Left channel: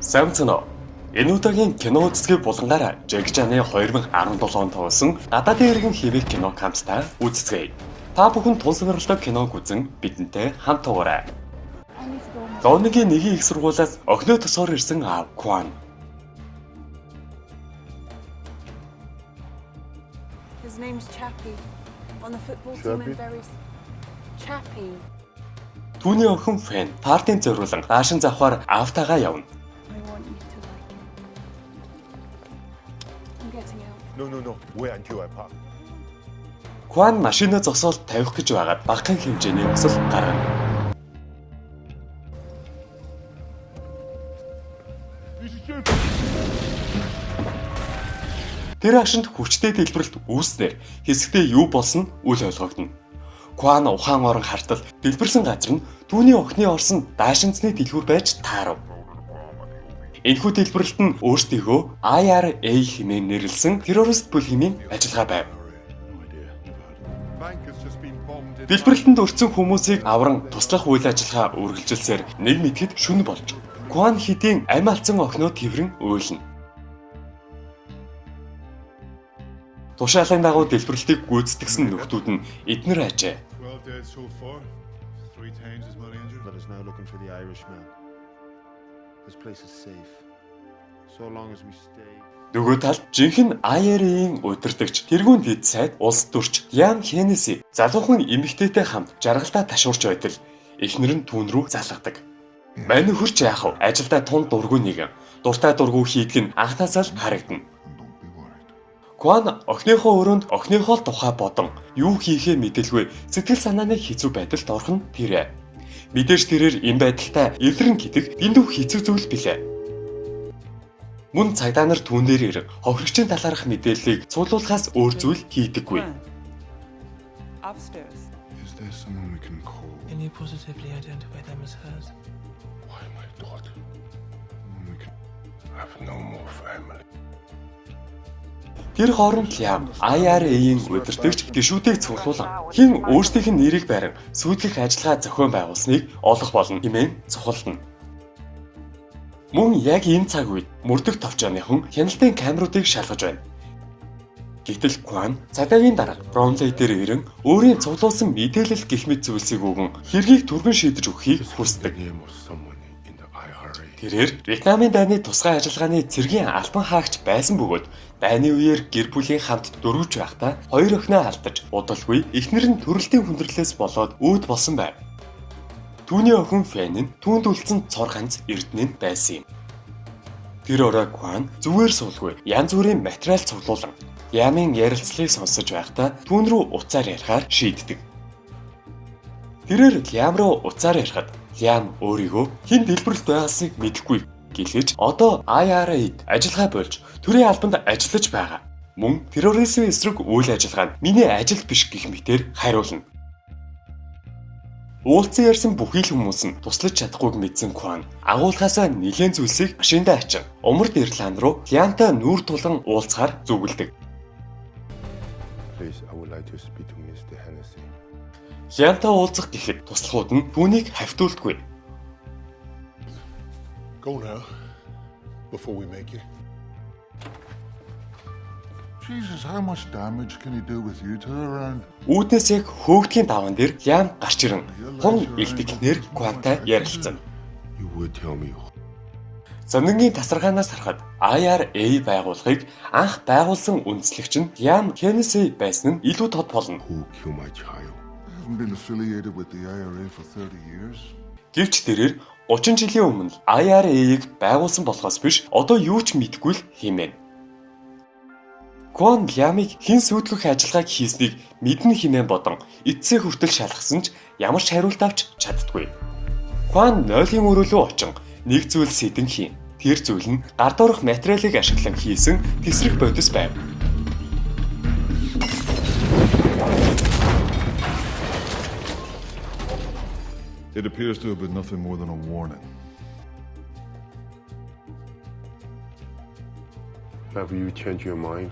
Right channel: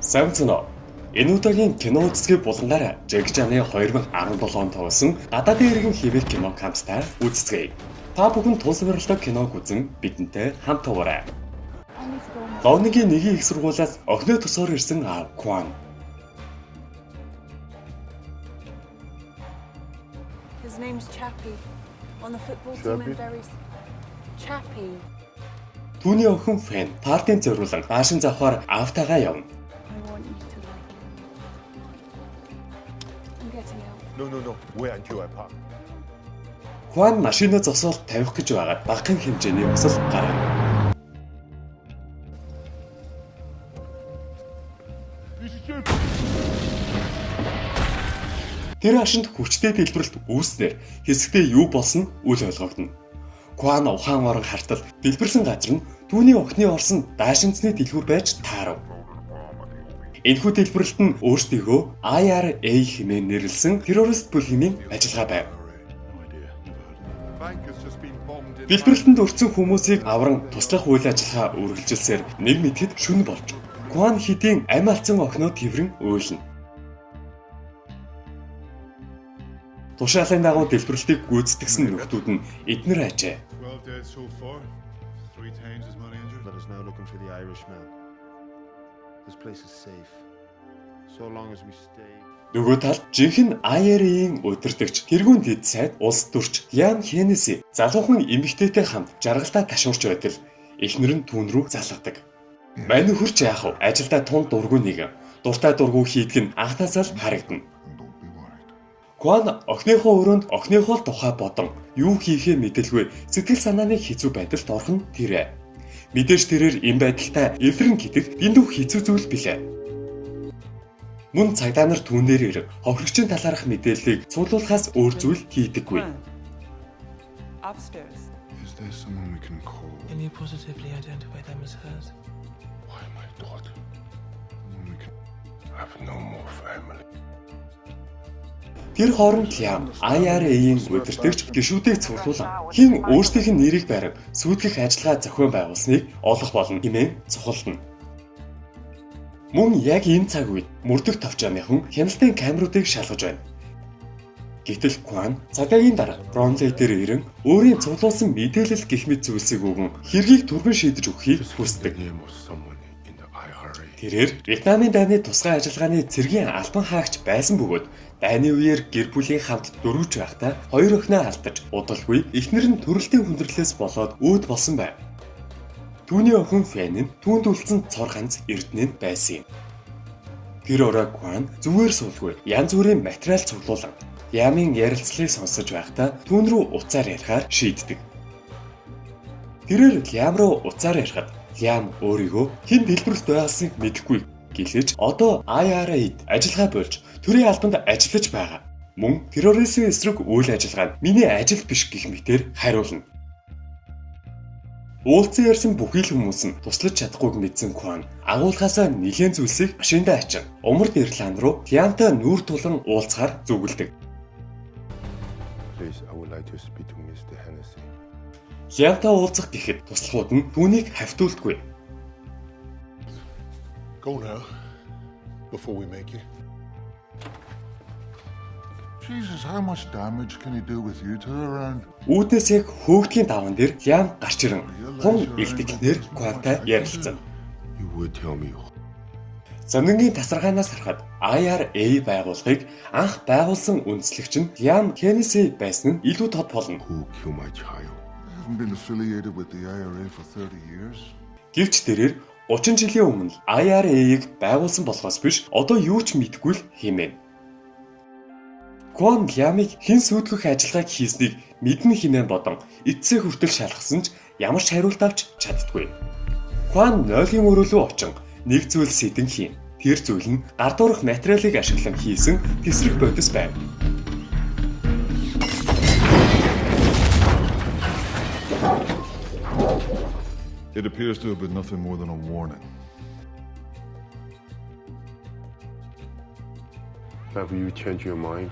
Сайн цэнэ. Энэ удаагийн кино үздэг булангаар Жеки Чаны 2017 онд тоглосон гадаадын иргэн хэвээр кино камптай үзцгээе. Та бүхэн тун сонирхолтой киног үзэн бидэнтэй хамт тугаарай. Лоныгийн нэгийн их сургуулиас охиноо төсөөр ирсэн аав Кван. His name's Chappie. On the football team and very Chappie. Түүний охин Фэн партийн зориулан наашин завхаар аавтайгаа явна. I want you to like it. I'm getting out. No. Wait until I park. Кван машинаа зогсоол тавих гэж байгаад багахан хэмжээний өсөл гаргана. Тэр хашинд хүчтэй дэлбэрэлт үүснээр хэсэгтээ юу болсон үл ойлгогдно. Кван ухаан орон хартал дэлбэрсэн газар нь түүний охины олсон даашинцны дэлгүүр байж таарав. Энэхүү дэлбэрэлт нь өөрсдийгөө IRA хэмээн нэрлсэн террорист бүлгийн ажиллагаа байв. Дэлбэрэлтэнд өртсөн хүмүүсийг авран туслах үйл ажиллагаа үргэлжилсээр нэг мэтгэд шөнө болж Кван хэдийн амь алдсан охиноо тэрэн уйлна. Тушаалын дагуу дэлбэрэлтийг гүйцэтгэсэн нөхдүүд нь эднэр ажээ. 12 dead so far. 3 times as many injured. Let us now looking for the Irishman. This place is safe. So long as we stay. Нөгөө талд жинхэнэ IRA-ийн удирдагч тэргүүн дэд сайд улс төрч Ян Хеннеси залуухан эмэгтэйтэй хамт жаргалдаа ташуурч байтал эхнэр нь түүн рүү залгадаг. Мань хурч яах вэ? Ажилдаа тун дургүй нэгэн. Дуртай дургүй хийдэг нь анхнаасаа л харагдана. Кван охиныхоо өрөөнд охиныхоо тухай бодон юу хийхээ мэдэлгүй сэтгэл санааны хэцүү байдалд орхон тэрэ. Мэдээж тэрээр энэ байдалтай эврэн гэдэг эндүү хэцүү зүйл билээ. Мөн цагдаа нар түүн дээр ирэх хохирогчийн талаарх мэдээллийг цуглуулахаас өөр зүйл хийдэггүй. Upstairs. Is there someone we can call? Can you positively identify them as hers? Why my daughter? Someone we can. I have no more family. Тэр хооронд Лям IRA-ийн удирдагч гишүүдийг цуглуулan хэн өөрсдийнх нь нэрийг барин сүйтгэх ажиллагаа зохион байгуулсныг олох болно хэмээн цухалдана. Мөн яг энэ цаг үед мөрдөх товчооныхон хяналтын камеруудыг шалгаж байна. Гэтэл Кван цагаагийн дараа Бромли дээр ирэн өөрийн цуглуулсан мэдээлэл гэх мэт зүйлсийг өгөн хэргийг түргэн шийдэж өгөхийг хүсдэг. Name of someone in the IRA. Тэрээр Вьетнамын дайны тусгай ажиллагааны цэргийн албан хаагч байсан бөгөөд дайны үеэр гэр бүлийн хамт дөрвж байхдаа хоёр охиноо алдаж удалгүй эхнэр нь төрөлтийн хүндрэлээс болоод өөд болсон байв. Түүний охин Фэн нь түүнд үлдсэн цор ганц эрдэнэнд байсан юм. Тэр орой Кван зүгээр суулгүй янз бүрийн материал цуглуулan Ямын ярилцлагыг сонсож байхдаа түүн рүү уцаар ярихаар шийддэг. Тэрээр Лям руу уцаар ярихад Лям өөрийгөө хэн дэлбэрэлт байгаасыг мэдэхгүй гэлээж одоо IRA-д ажиллагаа болж төрийн албанд ажиллаж байгаа. Мөн терроризмын эсрэг үйл ажиллагаанд миний ажил биш гэх мэтээр хариулна. Уулзсан ярьсан бүхий л хүмүүс нь туслаж чадахгүйг мэдсэн Кван агуулгаасаа нэгэн зүйлсийг машиндаа ачин умард Ирланд руу Лямтай нүүр тулан уулзахаар зүгэлдэг. Please, I would like to speak to Mr. Hennessy. Лямтай уулзах гэхэд туслахууд нь түүнийг хавтуулдаггүй. Go now. Before we make you. Jesus, how much damage can he do with you two around? Үүднээс яг хөөгдгийн даван дээр Лям гарч ирэн хум илтгэснээр Квантай ярилцсан. You would tell me. Зонингийн тасаргаанаас харахад IRA байгууллагыг анх байгуулсан үндэслэгч нь Лям Хеннеси байсан нь илүү тод болно. Who killed my child? I haven't been affiliated with the IRA for 30 years. Гэвч тэрээр 30 жилийн өмнө IRA-ийг байгуулсан болохоос биш одоо юу ч мэдгүй л хэмээн. Кван Лямыг хэн сүйтгэх ажиллагааг хийснийг мэднэ хэмээн бодон эцсээ хүртэл шалгасан ч ямар ч хариулт авч чаддаггүй. Кван нойлын өрөөлөө очин нэг зүйл сэдэн хийн. Тэр зүйл нь гардуурх материалыг ашиглан хийсэн тесрэх бодис байв. It appears to have been nothing more than a warning. Have you changed your mind?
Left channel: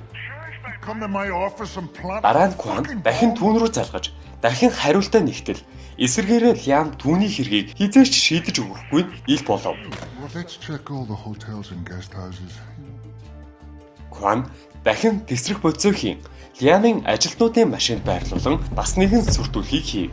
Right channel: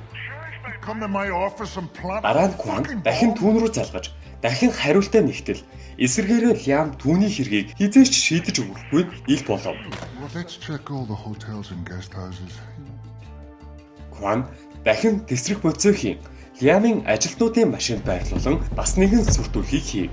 Come to my office and plant. Дараа нь Кван дахин түүн рүү залгаж дахин хариултаа нэгтэл Эсвэргээрээ Лям түүний хэргийг хизээч шийдэж өгөхгүй ил болов. Well, let's check all the hotels and guest houses. Кван дахин тесрэх бодисоо хийн. Лямын ажилтнуудын машинд байрлуулан бас нэгэн сүрдүүлгийг хийв.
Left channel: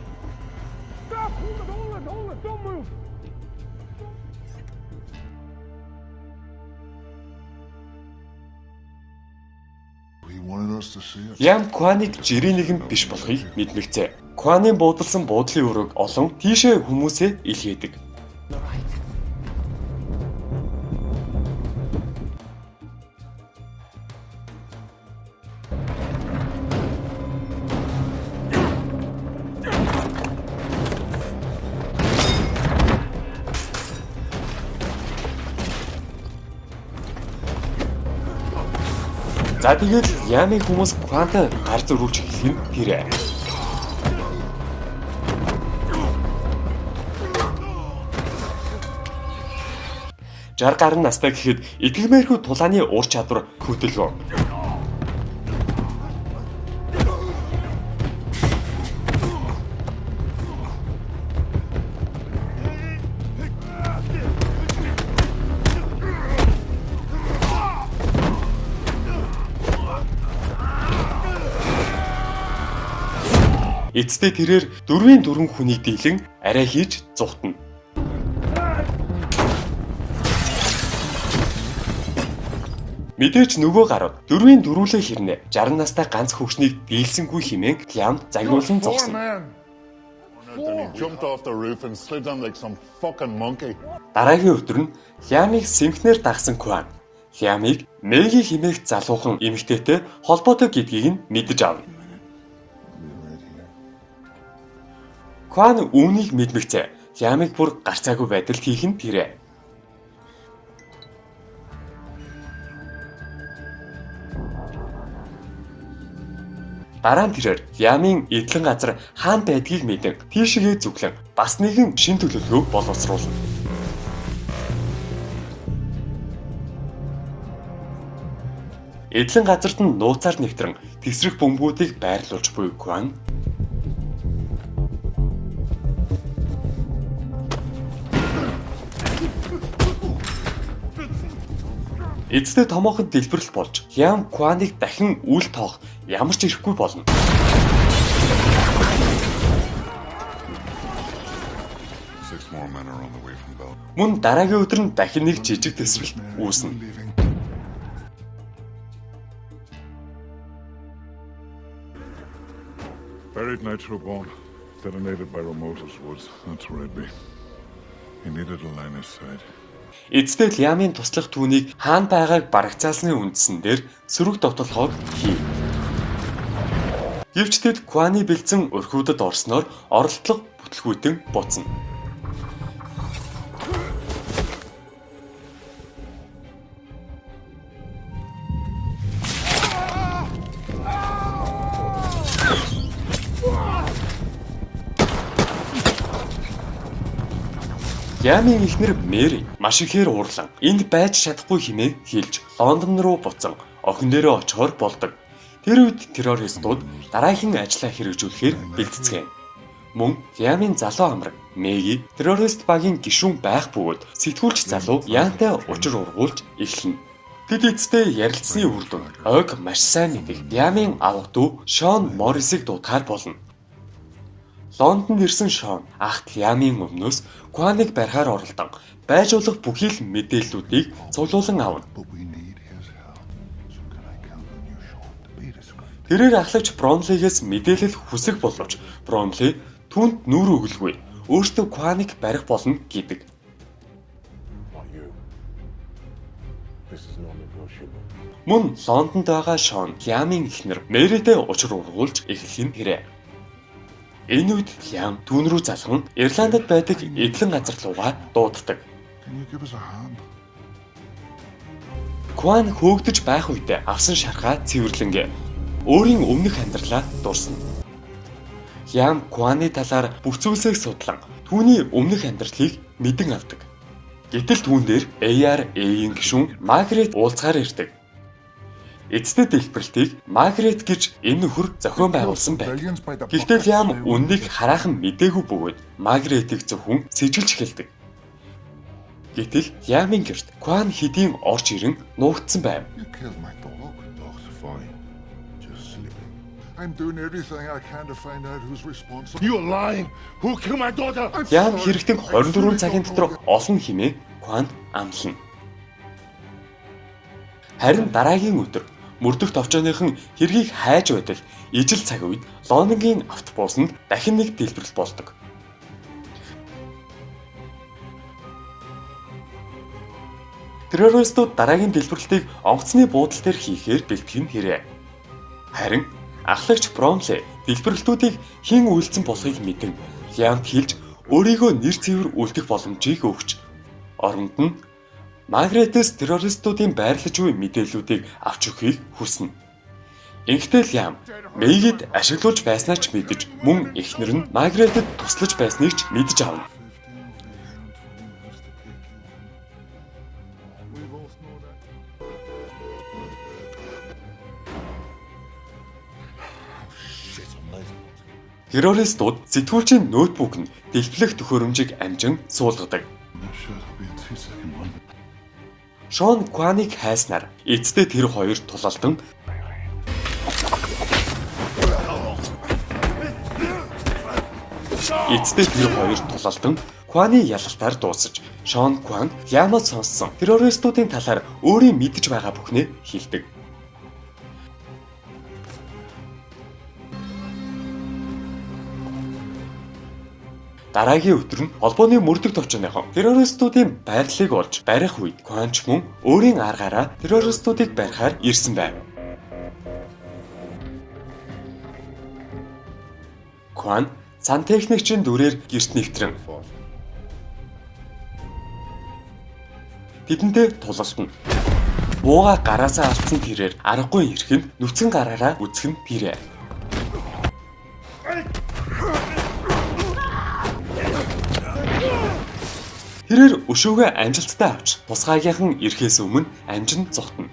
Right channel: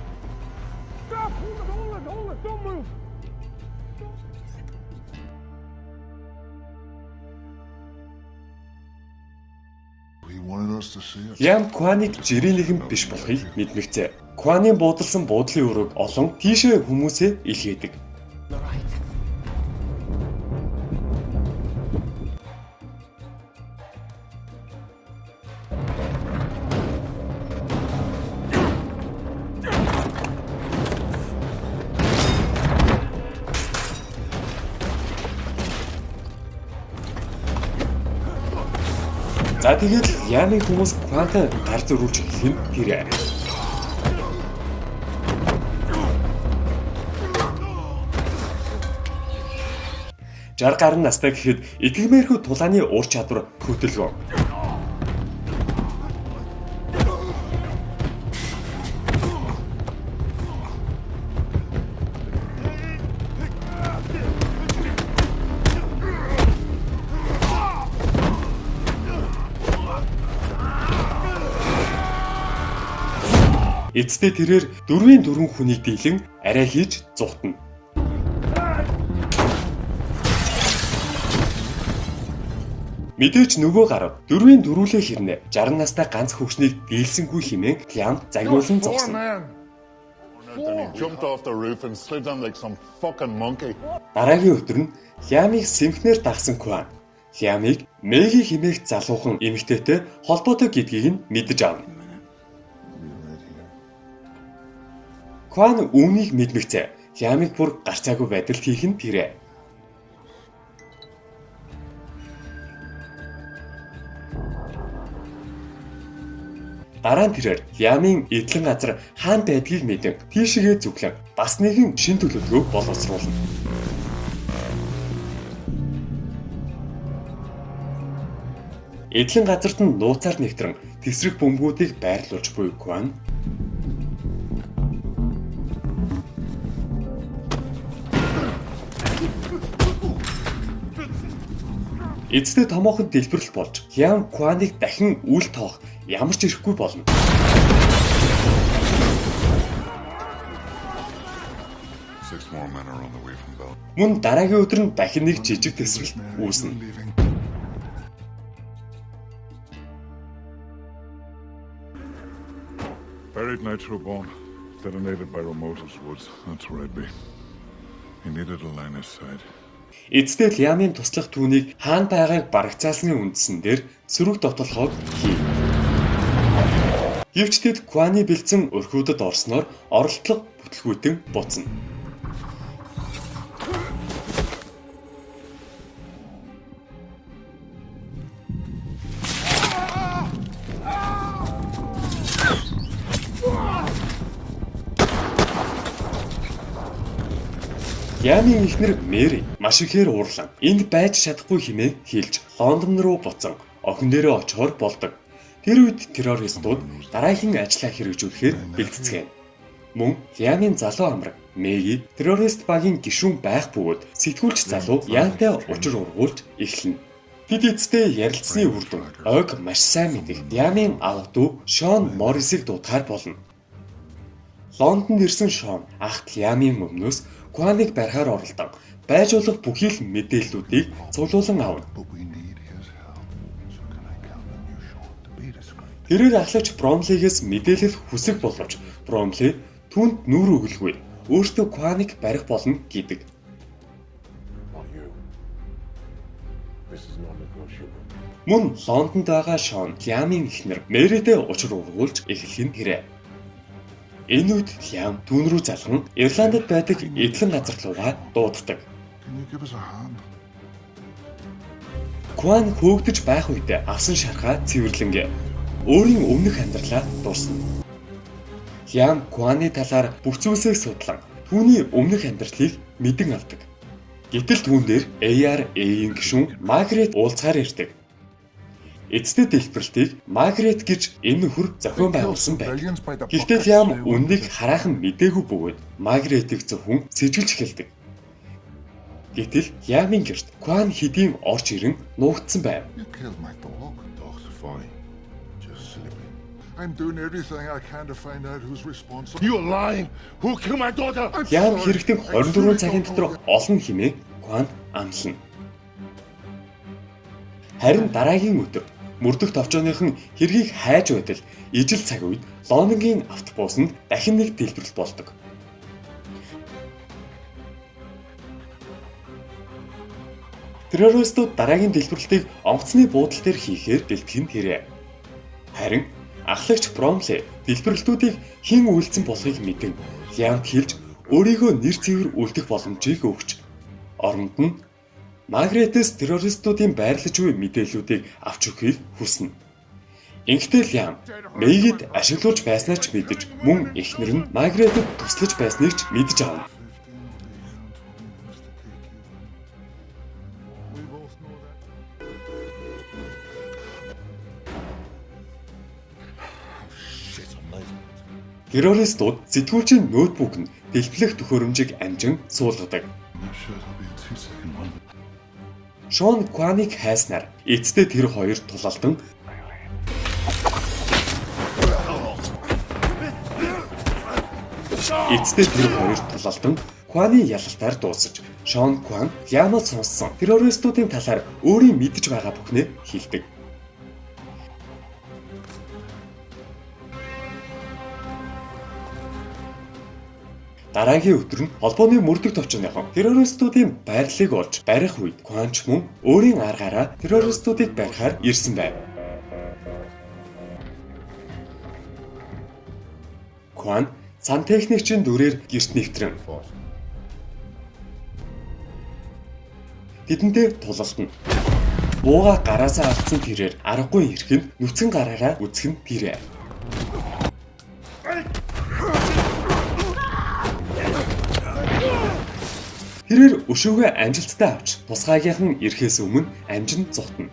He wanted us to see it. Лям Кваныг жирийн нэгэн биш болохыг мэдмэгцээ. Кваны буудалсан буудлын өрөөг олон тийшээ хүмүүсээ илгээдэг. За тэгээд Лямын хүмүүс Квантай гар зөрүүлж эхлэх нь тэрэ. Жар гарын настай гэхэд итгэмээрхүү тулааны ур чадвар хөдөлгөв. Эцдээ тэрээр 4 хүнийг дийлэн арай хийж зугтана. Мэдээж нөгөө гарав 4 дөрүүлээ хэрнэ 60 настай ганц хөвгчнийг дийлсэнгүй хэмээн Лям загнуулсан зогсон. Then he jumped off the roof and slid down like some fucking monkey. Дараагийн өдөр нь Лямыг сэмхнэр дагсан Кван Лямыг Мэги хэмээх залуухан эмэгтэйтэй холбоотой гэдгийг нь мэдэж авна. Кван үүнийг мэдмэгцээ. Лямыг бүр гарцаагүй байдалд хийх нь тэрэ. Дараа нь тэрээр Лямын эдлэн газар хаан байдгийг мэдэн тийшээгээ зүглэн бас нэгэн шин төлөвлөгөөг боловсруулна. Эдлэн газарт нь нууцаар нэвтрэн тесрэх бөмбөгүүдийг байрлуулж буй Кван эцдээ томоохон дэлбэрэл болж Лям Кваныг дахин үл тоох ямар ч ирэхгүй болно. Six more men are on the way from Bell. Мөн дараагийн өдөр нь дахин нэг жижиг тесрэлт үүснэ. Buried Nitro bomb, detonated by Ramosa's woods. That's where I'd be. He needed a line of sight. Эцдээ Лямын туслах түүнийг хаан байгааг барагцаалсны үндсэн дээр сөрөг довтлоход хийв. Гэвч тэд Кваны бэлдсэн өрхүүдэд орсноор оролдлого бүтлгүүтэн буцна. Лямын эхнэр Мэри маш ихээр уурлан энд байж чадахгүй хэмээн хэлж Лондон руу буцан охин дээрээ очихоор болдог. Тэр үед террористууд дараагийн ажлаа хэрэгжүүлэхээр бэлтцгээв. Мөн Лямын залуу амраг Мэги террорист багийн гишүүн байх бөгөөд сэтгүүлч залуу Янтай учир ургуулж эхэлнэ. Тэд эцдээ ярилцсны үр дүн ойг маш сайн мэдэх Лямын ав дүү Шон Моррисыг дуудахаар болно. Лондонд ирсэн Шон ахт Лямын өмнөөс Кваныг барихаар оролдсон. Байж болох бүхий л мэдээллүүдийг цуглуулan авна. Тэрээр ахлагч Бромлигээс мэдээлэл хүсэх боловч Бромли түүнд нүүр өгөлгүй. Өөртөө Кваныг барих болно гэдэг. Мөн Лондонд байгаа Шон Лямын эхнэр Мэритэй учир ургуулж эхлэх нь хэрэг. Энэ үед Лям түүн рүү залган Ирландд байдаг эдлэн газар руугаа дууддаг. Кван хөөгдөж байх үедээ авсан шархаа цэвэрлэнгээ өөрийн өмнөх амьдралаа дуусна. Лям Кваны талаар бүх зүйлсээ судлан түүний өмнөх амьдралыг мэдэн авдаг. Гэтэл түүн дээр ARA-ийн гишүүн Маргарет уулзгаар ирдэг. эцэд дэлбэрэлтийг Маргарет гэж энэ нөхөр зохион байгуулсан байна. Гэхдээ Лиам үннийг хараахан мэдээгүй бөгөөд Маргаретийг зөвхөн сэжгэлж эхэлдэг. Гэтэл Лиамын гэрт Кван хэдийн орж ирэн нуугдсан байв. You killed my dog. Dog's fine. Just sleeping. I'm doing everything I can to find out who's responsible. You're lying. Who killed my daughter? Лиам хэрэгтэн 24 цагийн дотор олон хэмээн Кван амлана. Харин дараагийн өдөр мөрдөх товчооныхон хэргийг хайж байтал ижил цаг үед Лонингийн автобус нь дахин нэг дэлбэрэл болдог. Террористууд дараагийн дэлбэрэлтийг онгоцны буудал дээр хийхээр бэлтгэх нь хэрэг. Харин ахлагч Бромли дэлбэрэлтүүдийг хэн үйлдсэн болохыг мэдэн Лиамд хэлж өөрийгөө нэр цэвэр үлдэх боломжийг өгч оронд нь Маргаретээс террористуудын байрлаж буй мэдээллүүдийг авч өгөхийг хүснэ. Ингэхдээ Лиам Мэгид ашиглуулж байснаа ч мэдэж мөн эхнэр нь Маргаретэд туслаж байсныг ч мэдэж авна. We both know that. Shit, I'm late. Террористууд сэтгүүлчийн ноутбук нь дэлбэлэх төхөөрөмжийг амжин суулгадаг. Not sure it'll be a 2-second one. Шон Кваныг хайснаар эцдээ тэр хоёр тулалтан Кваны ялалтаар дуусаж Шон Кван Лиамаас сонссон террористуудын талаар өөрийн мэдж байгаа бүхнээ хэлдэг. Дараагийн өдөр нь холбооны мөрдөх товчооныхон террористуудын байрлалыг олж барих үед Кванч мөн өөрийн аргаараа террористуудыг барихаар ирсэн байв. Кван сантехникчийн дүрээр гэрт нэвтрэн тэдэндээ тулалдана. Бууга гараасаа алдсан тэрээр аргагүй ирэх нь нүцгэн гараараа үцгэн тэрэ. Тэрээр өшөөгөө амжилттай авч тусгаагийнхан ирэхээс өмнө амжин зогтно.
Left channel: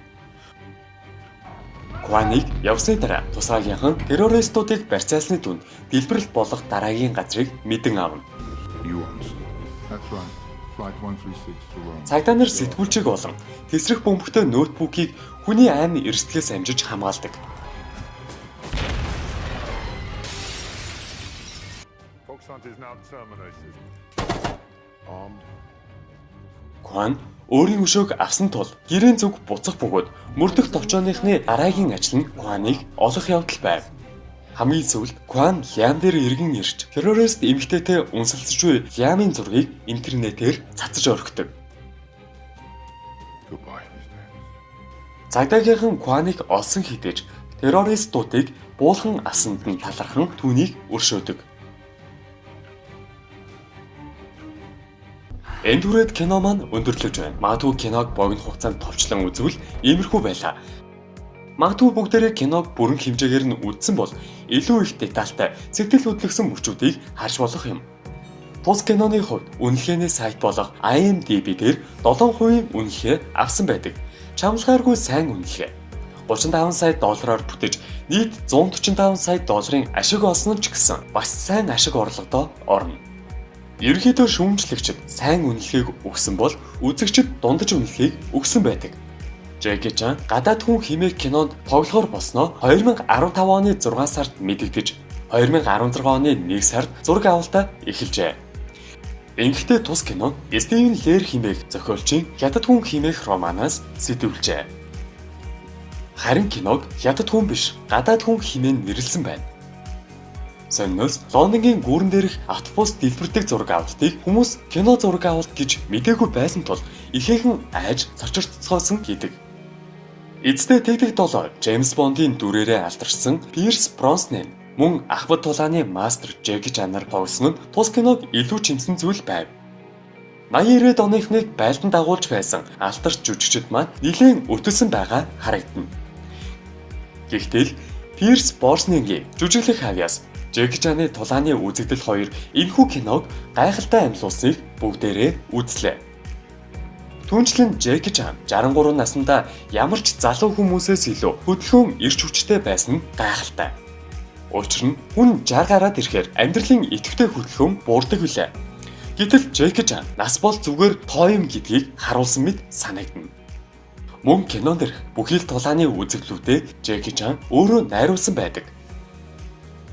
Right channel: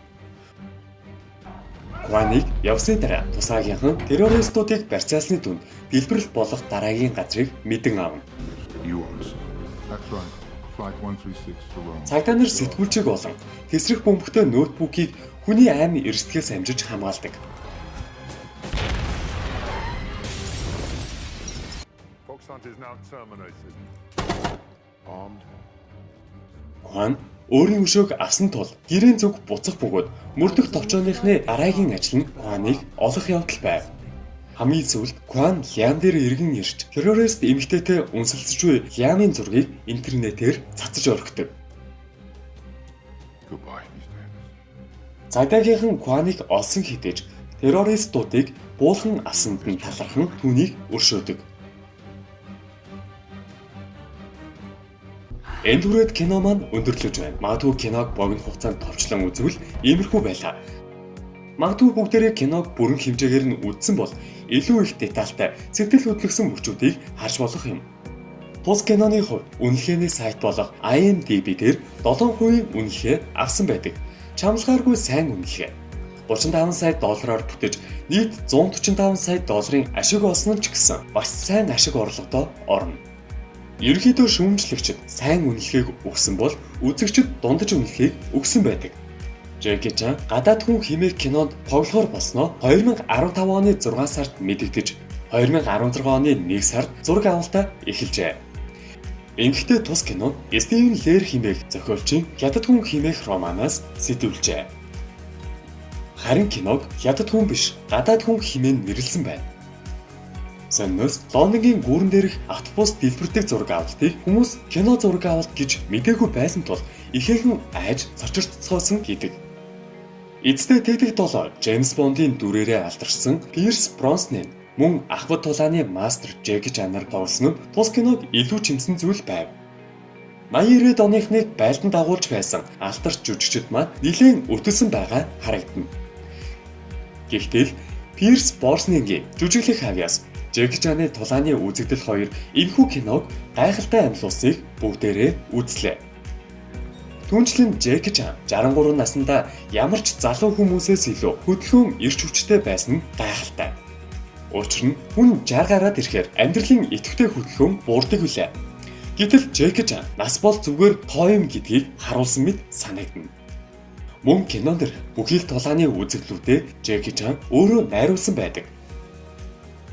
Кваныг явсны дараа тусгаагийнхан террористуудыг барьцаалсны түнд дэлбэрэлт болох дараагийн газрыг мэдэн авна. You answer. That's right. Flight 136 to Rome. Цагдаа нар сэтгүүлчийг болон тэсрэх бөмбөгтэй ноутбукийг хүний айн эрсдгээс амжиж хамгаалдаг. Fox Hunt is now terminated. Armed. Кван өөрийн өшөөг авсан тул гэрийн зүг буцах бөгөөд мөрдөх товчооныхны дараагийн ажил нь Кваныг олох явдал байв. Хамгийн сүүлд Кван Лиам дээр эргэн ирж террорист эмэгтэйтэй үнсэлцэж буй Лиамын зургийг интернетээр цацаж орхидог. Goodbye, Mr. Henderson. Цагдаагийнхан Кваныг олсон хитэж террористуудыг буулган асанд нь талархан түүнийг өршөөдөг. Энэ түрээд кино маань өндөрлөж байна. Магадгүй киног богино хугацаанд товчлон үзвэл иймэрхүү байлаа. Магадгүй бүгдээрээ киног бүрэн хэмжээгээр нь үзсэн бол илүү их детальтай сэтгэл хөдлөсөн мөчүүдийг харж болох юм. Тус киноны хувьд үнэлгээний сайт болох IMDb дээр 7% үнэлгээ авсан байдаг. Чамлахааргүй сайн үнэлгээ. 35 сая доллараар бүтэж нийт 145 сая долларын ашиг олсон ч гэсэн бас сайн ашиг орлогодоо орно. Ерөнхийдөө шүүмжлэгчид сайн үнэлгээг өгсөн бол үзэгчид дундаж үнэлгээг өгсөн байдаг. Жеки Чан гадаад хүн химээ кинонд тоглохоор болсноо 2015 оны 6 сард мэдэгдэж 2016 оны 1 сард зураг авалтаа эхэлжээ. Ингэхдээ тус кино Стивен Лэр химээх зохиолчийн Хятад хүн химээх романаас сэтгүүлжээ. Харин киног Хятад хүн биш, гадаад хүн химэн нэрлсэн байна. Сонноос Лондонгийн гүүрэн дээрх автобус дэлбэрдэг зураг авалтыг хүмүүс кино зураг авалт гэж мэдээгүй байсан тул ихээхэн айж цочирцгоосон гэдэг. Эцдээ Тэгдэг 7 Джеймс Бондын дүрээрээ алдаршсан Пирс Броснан мөн ахмад тулааны мастер Джеки Чанар тоглосон нь тус киног илүү чинсэн зүйл байв. 80-90-ад оныхныг байлдан дагуулж байсан алтарч жүжигчид маань нэлээд өтөлсөн байгаа харагдана. Гэхдээ Пирс Броснангийн жүжиглэх хавьяас Джеки Чаны тулааны үзэгдэл хоёр энэхүү киног гайхалтай амьлуулсныг бүгдээрээ үзлээ. Түүнчлэн Джеки Чан 63 наснда ямар ч залуу хүмүүсээс илүү хөдөлгөөн эрч хүчтэй байсан нь гайхалтай. Учир нь хүн 60 гараад ирэхээр амьдралын идэвхтэй хөдөлгөөн буурдаг билээ. Гэтэл Джеки Чан нас бол зүгээр тоо юм гэдгийг харуулсан мэт санагдана. Мөн кинон дэр бүхэл тулааны үзэгдлүүдэд Джеки Чан өөрөө найруулсан байдаг.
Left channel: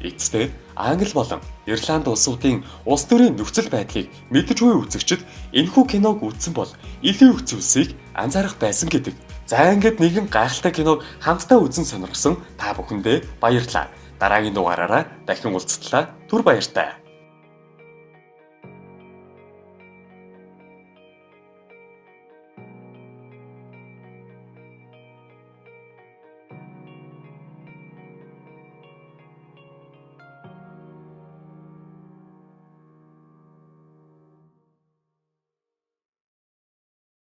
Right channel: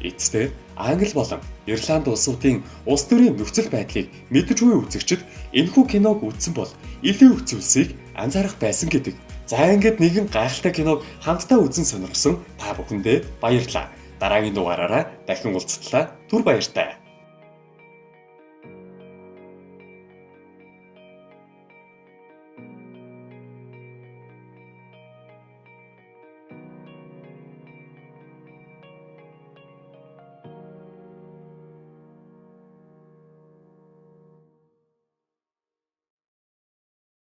Эцэстээ Англи болон Ирланд улсуудын улс төрийн нөхцөл байдлыг мэдж буй үзэгчид энэхүү киног үзсэн бол илүү их зүйлсийг анзаарах байсан гэдэг. За ингээд нэгэн гайхалтай киног хамтдаа үзэн сонирхсон та бүхэндээ баярлалаа. Дараагийн дугаараараа дахин уулзтлаа. Түр баяртай.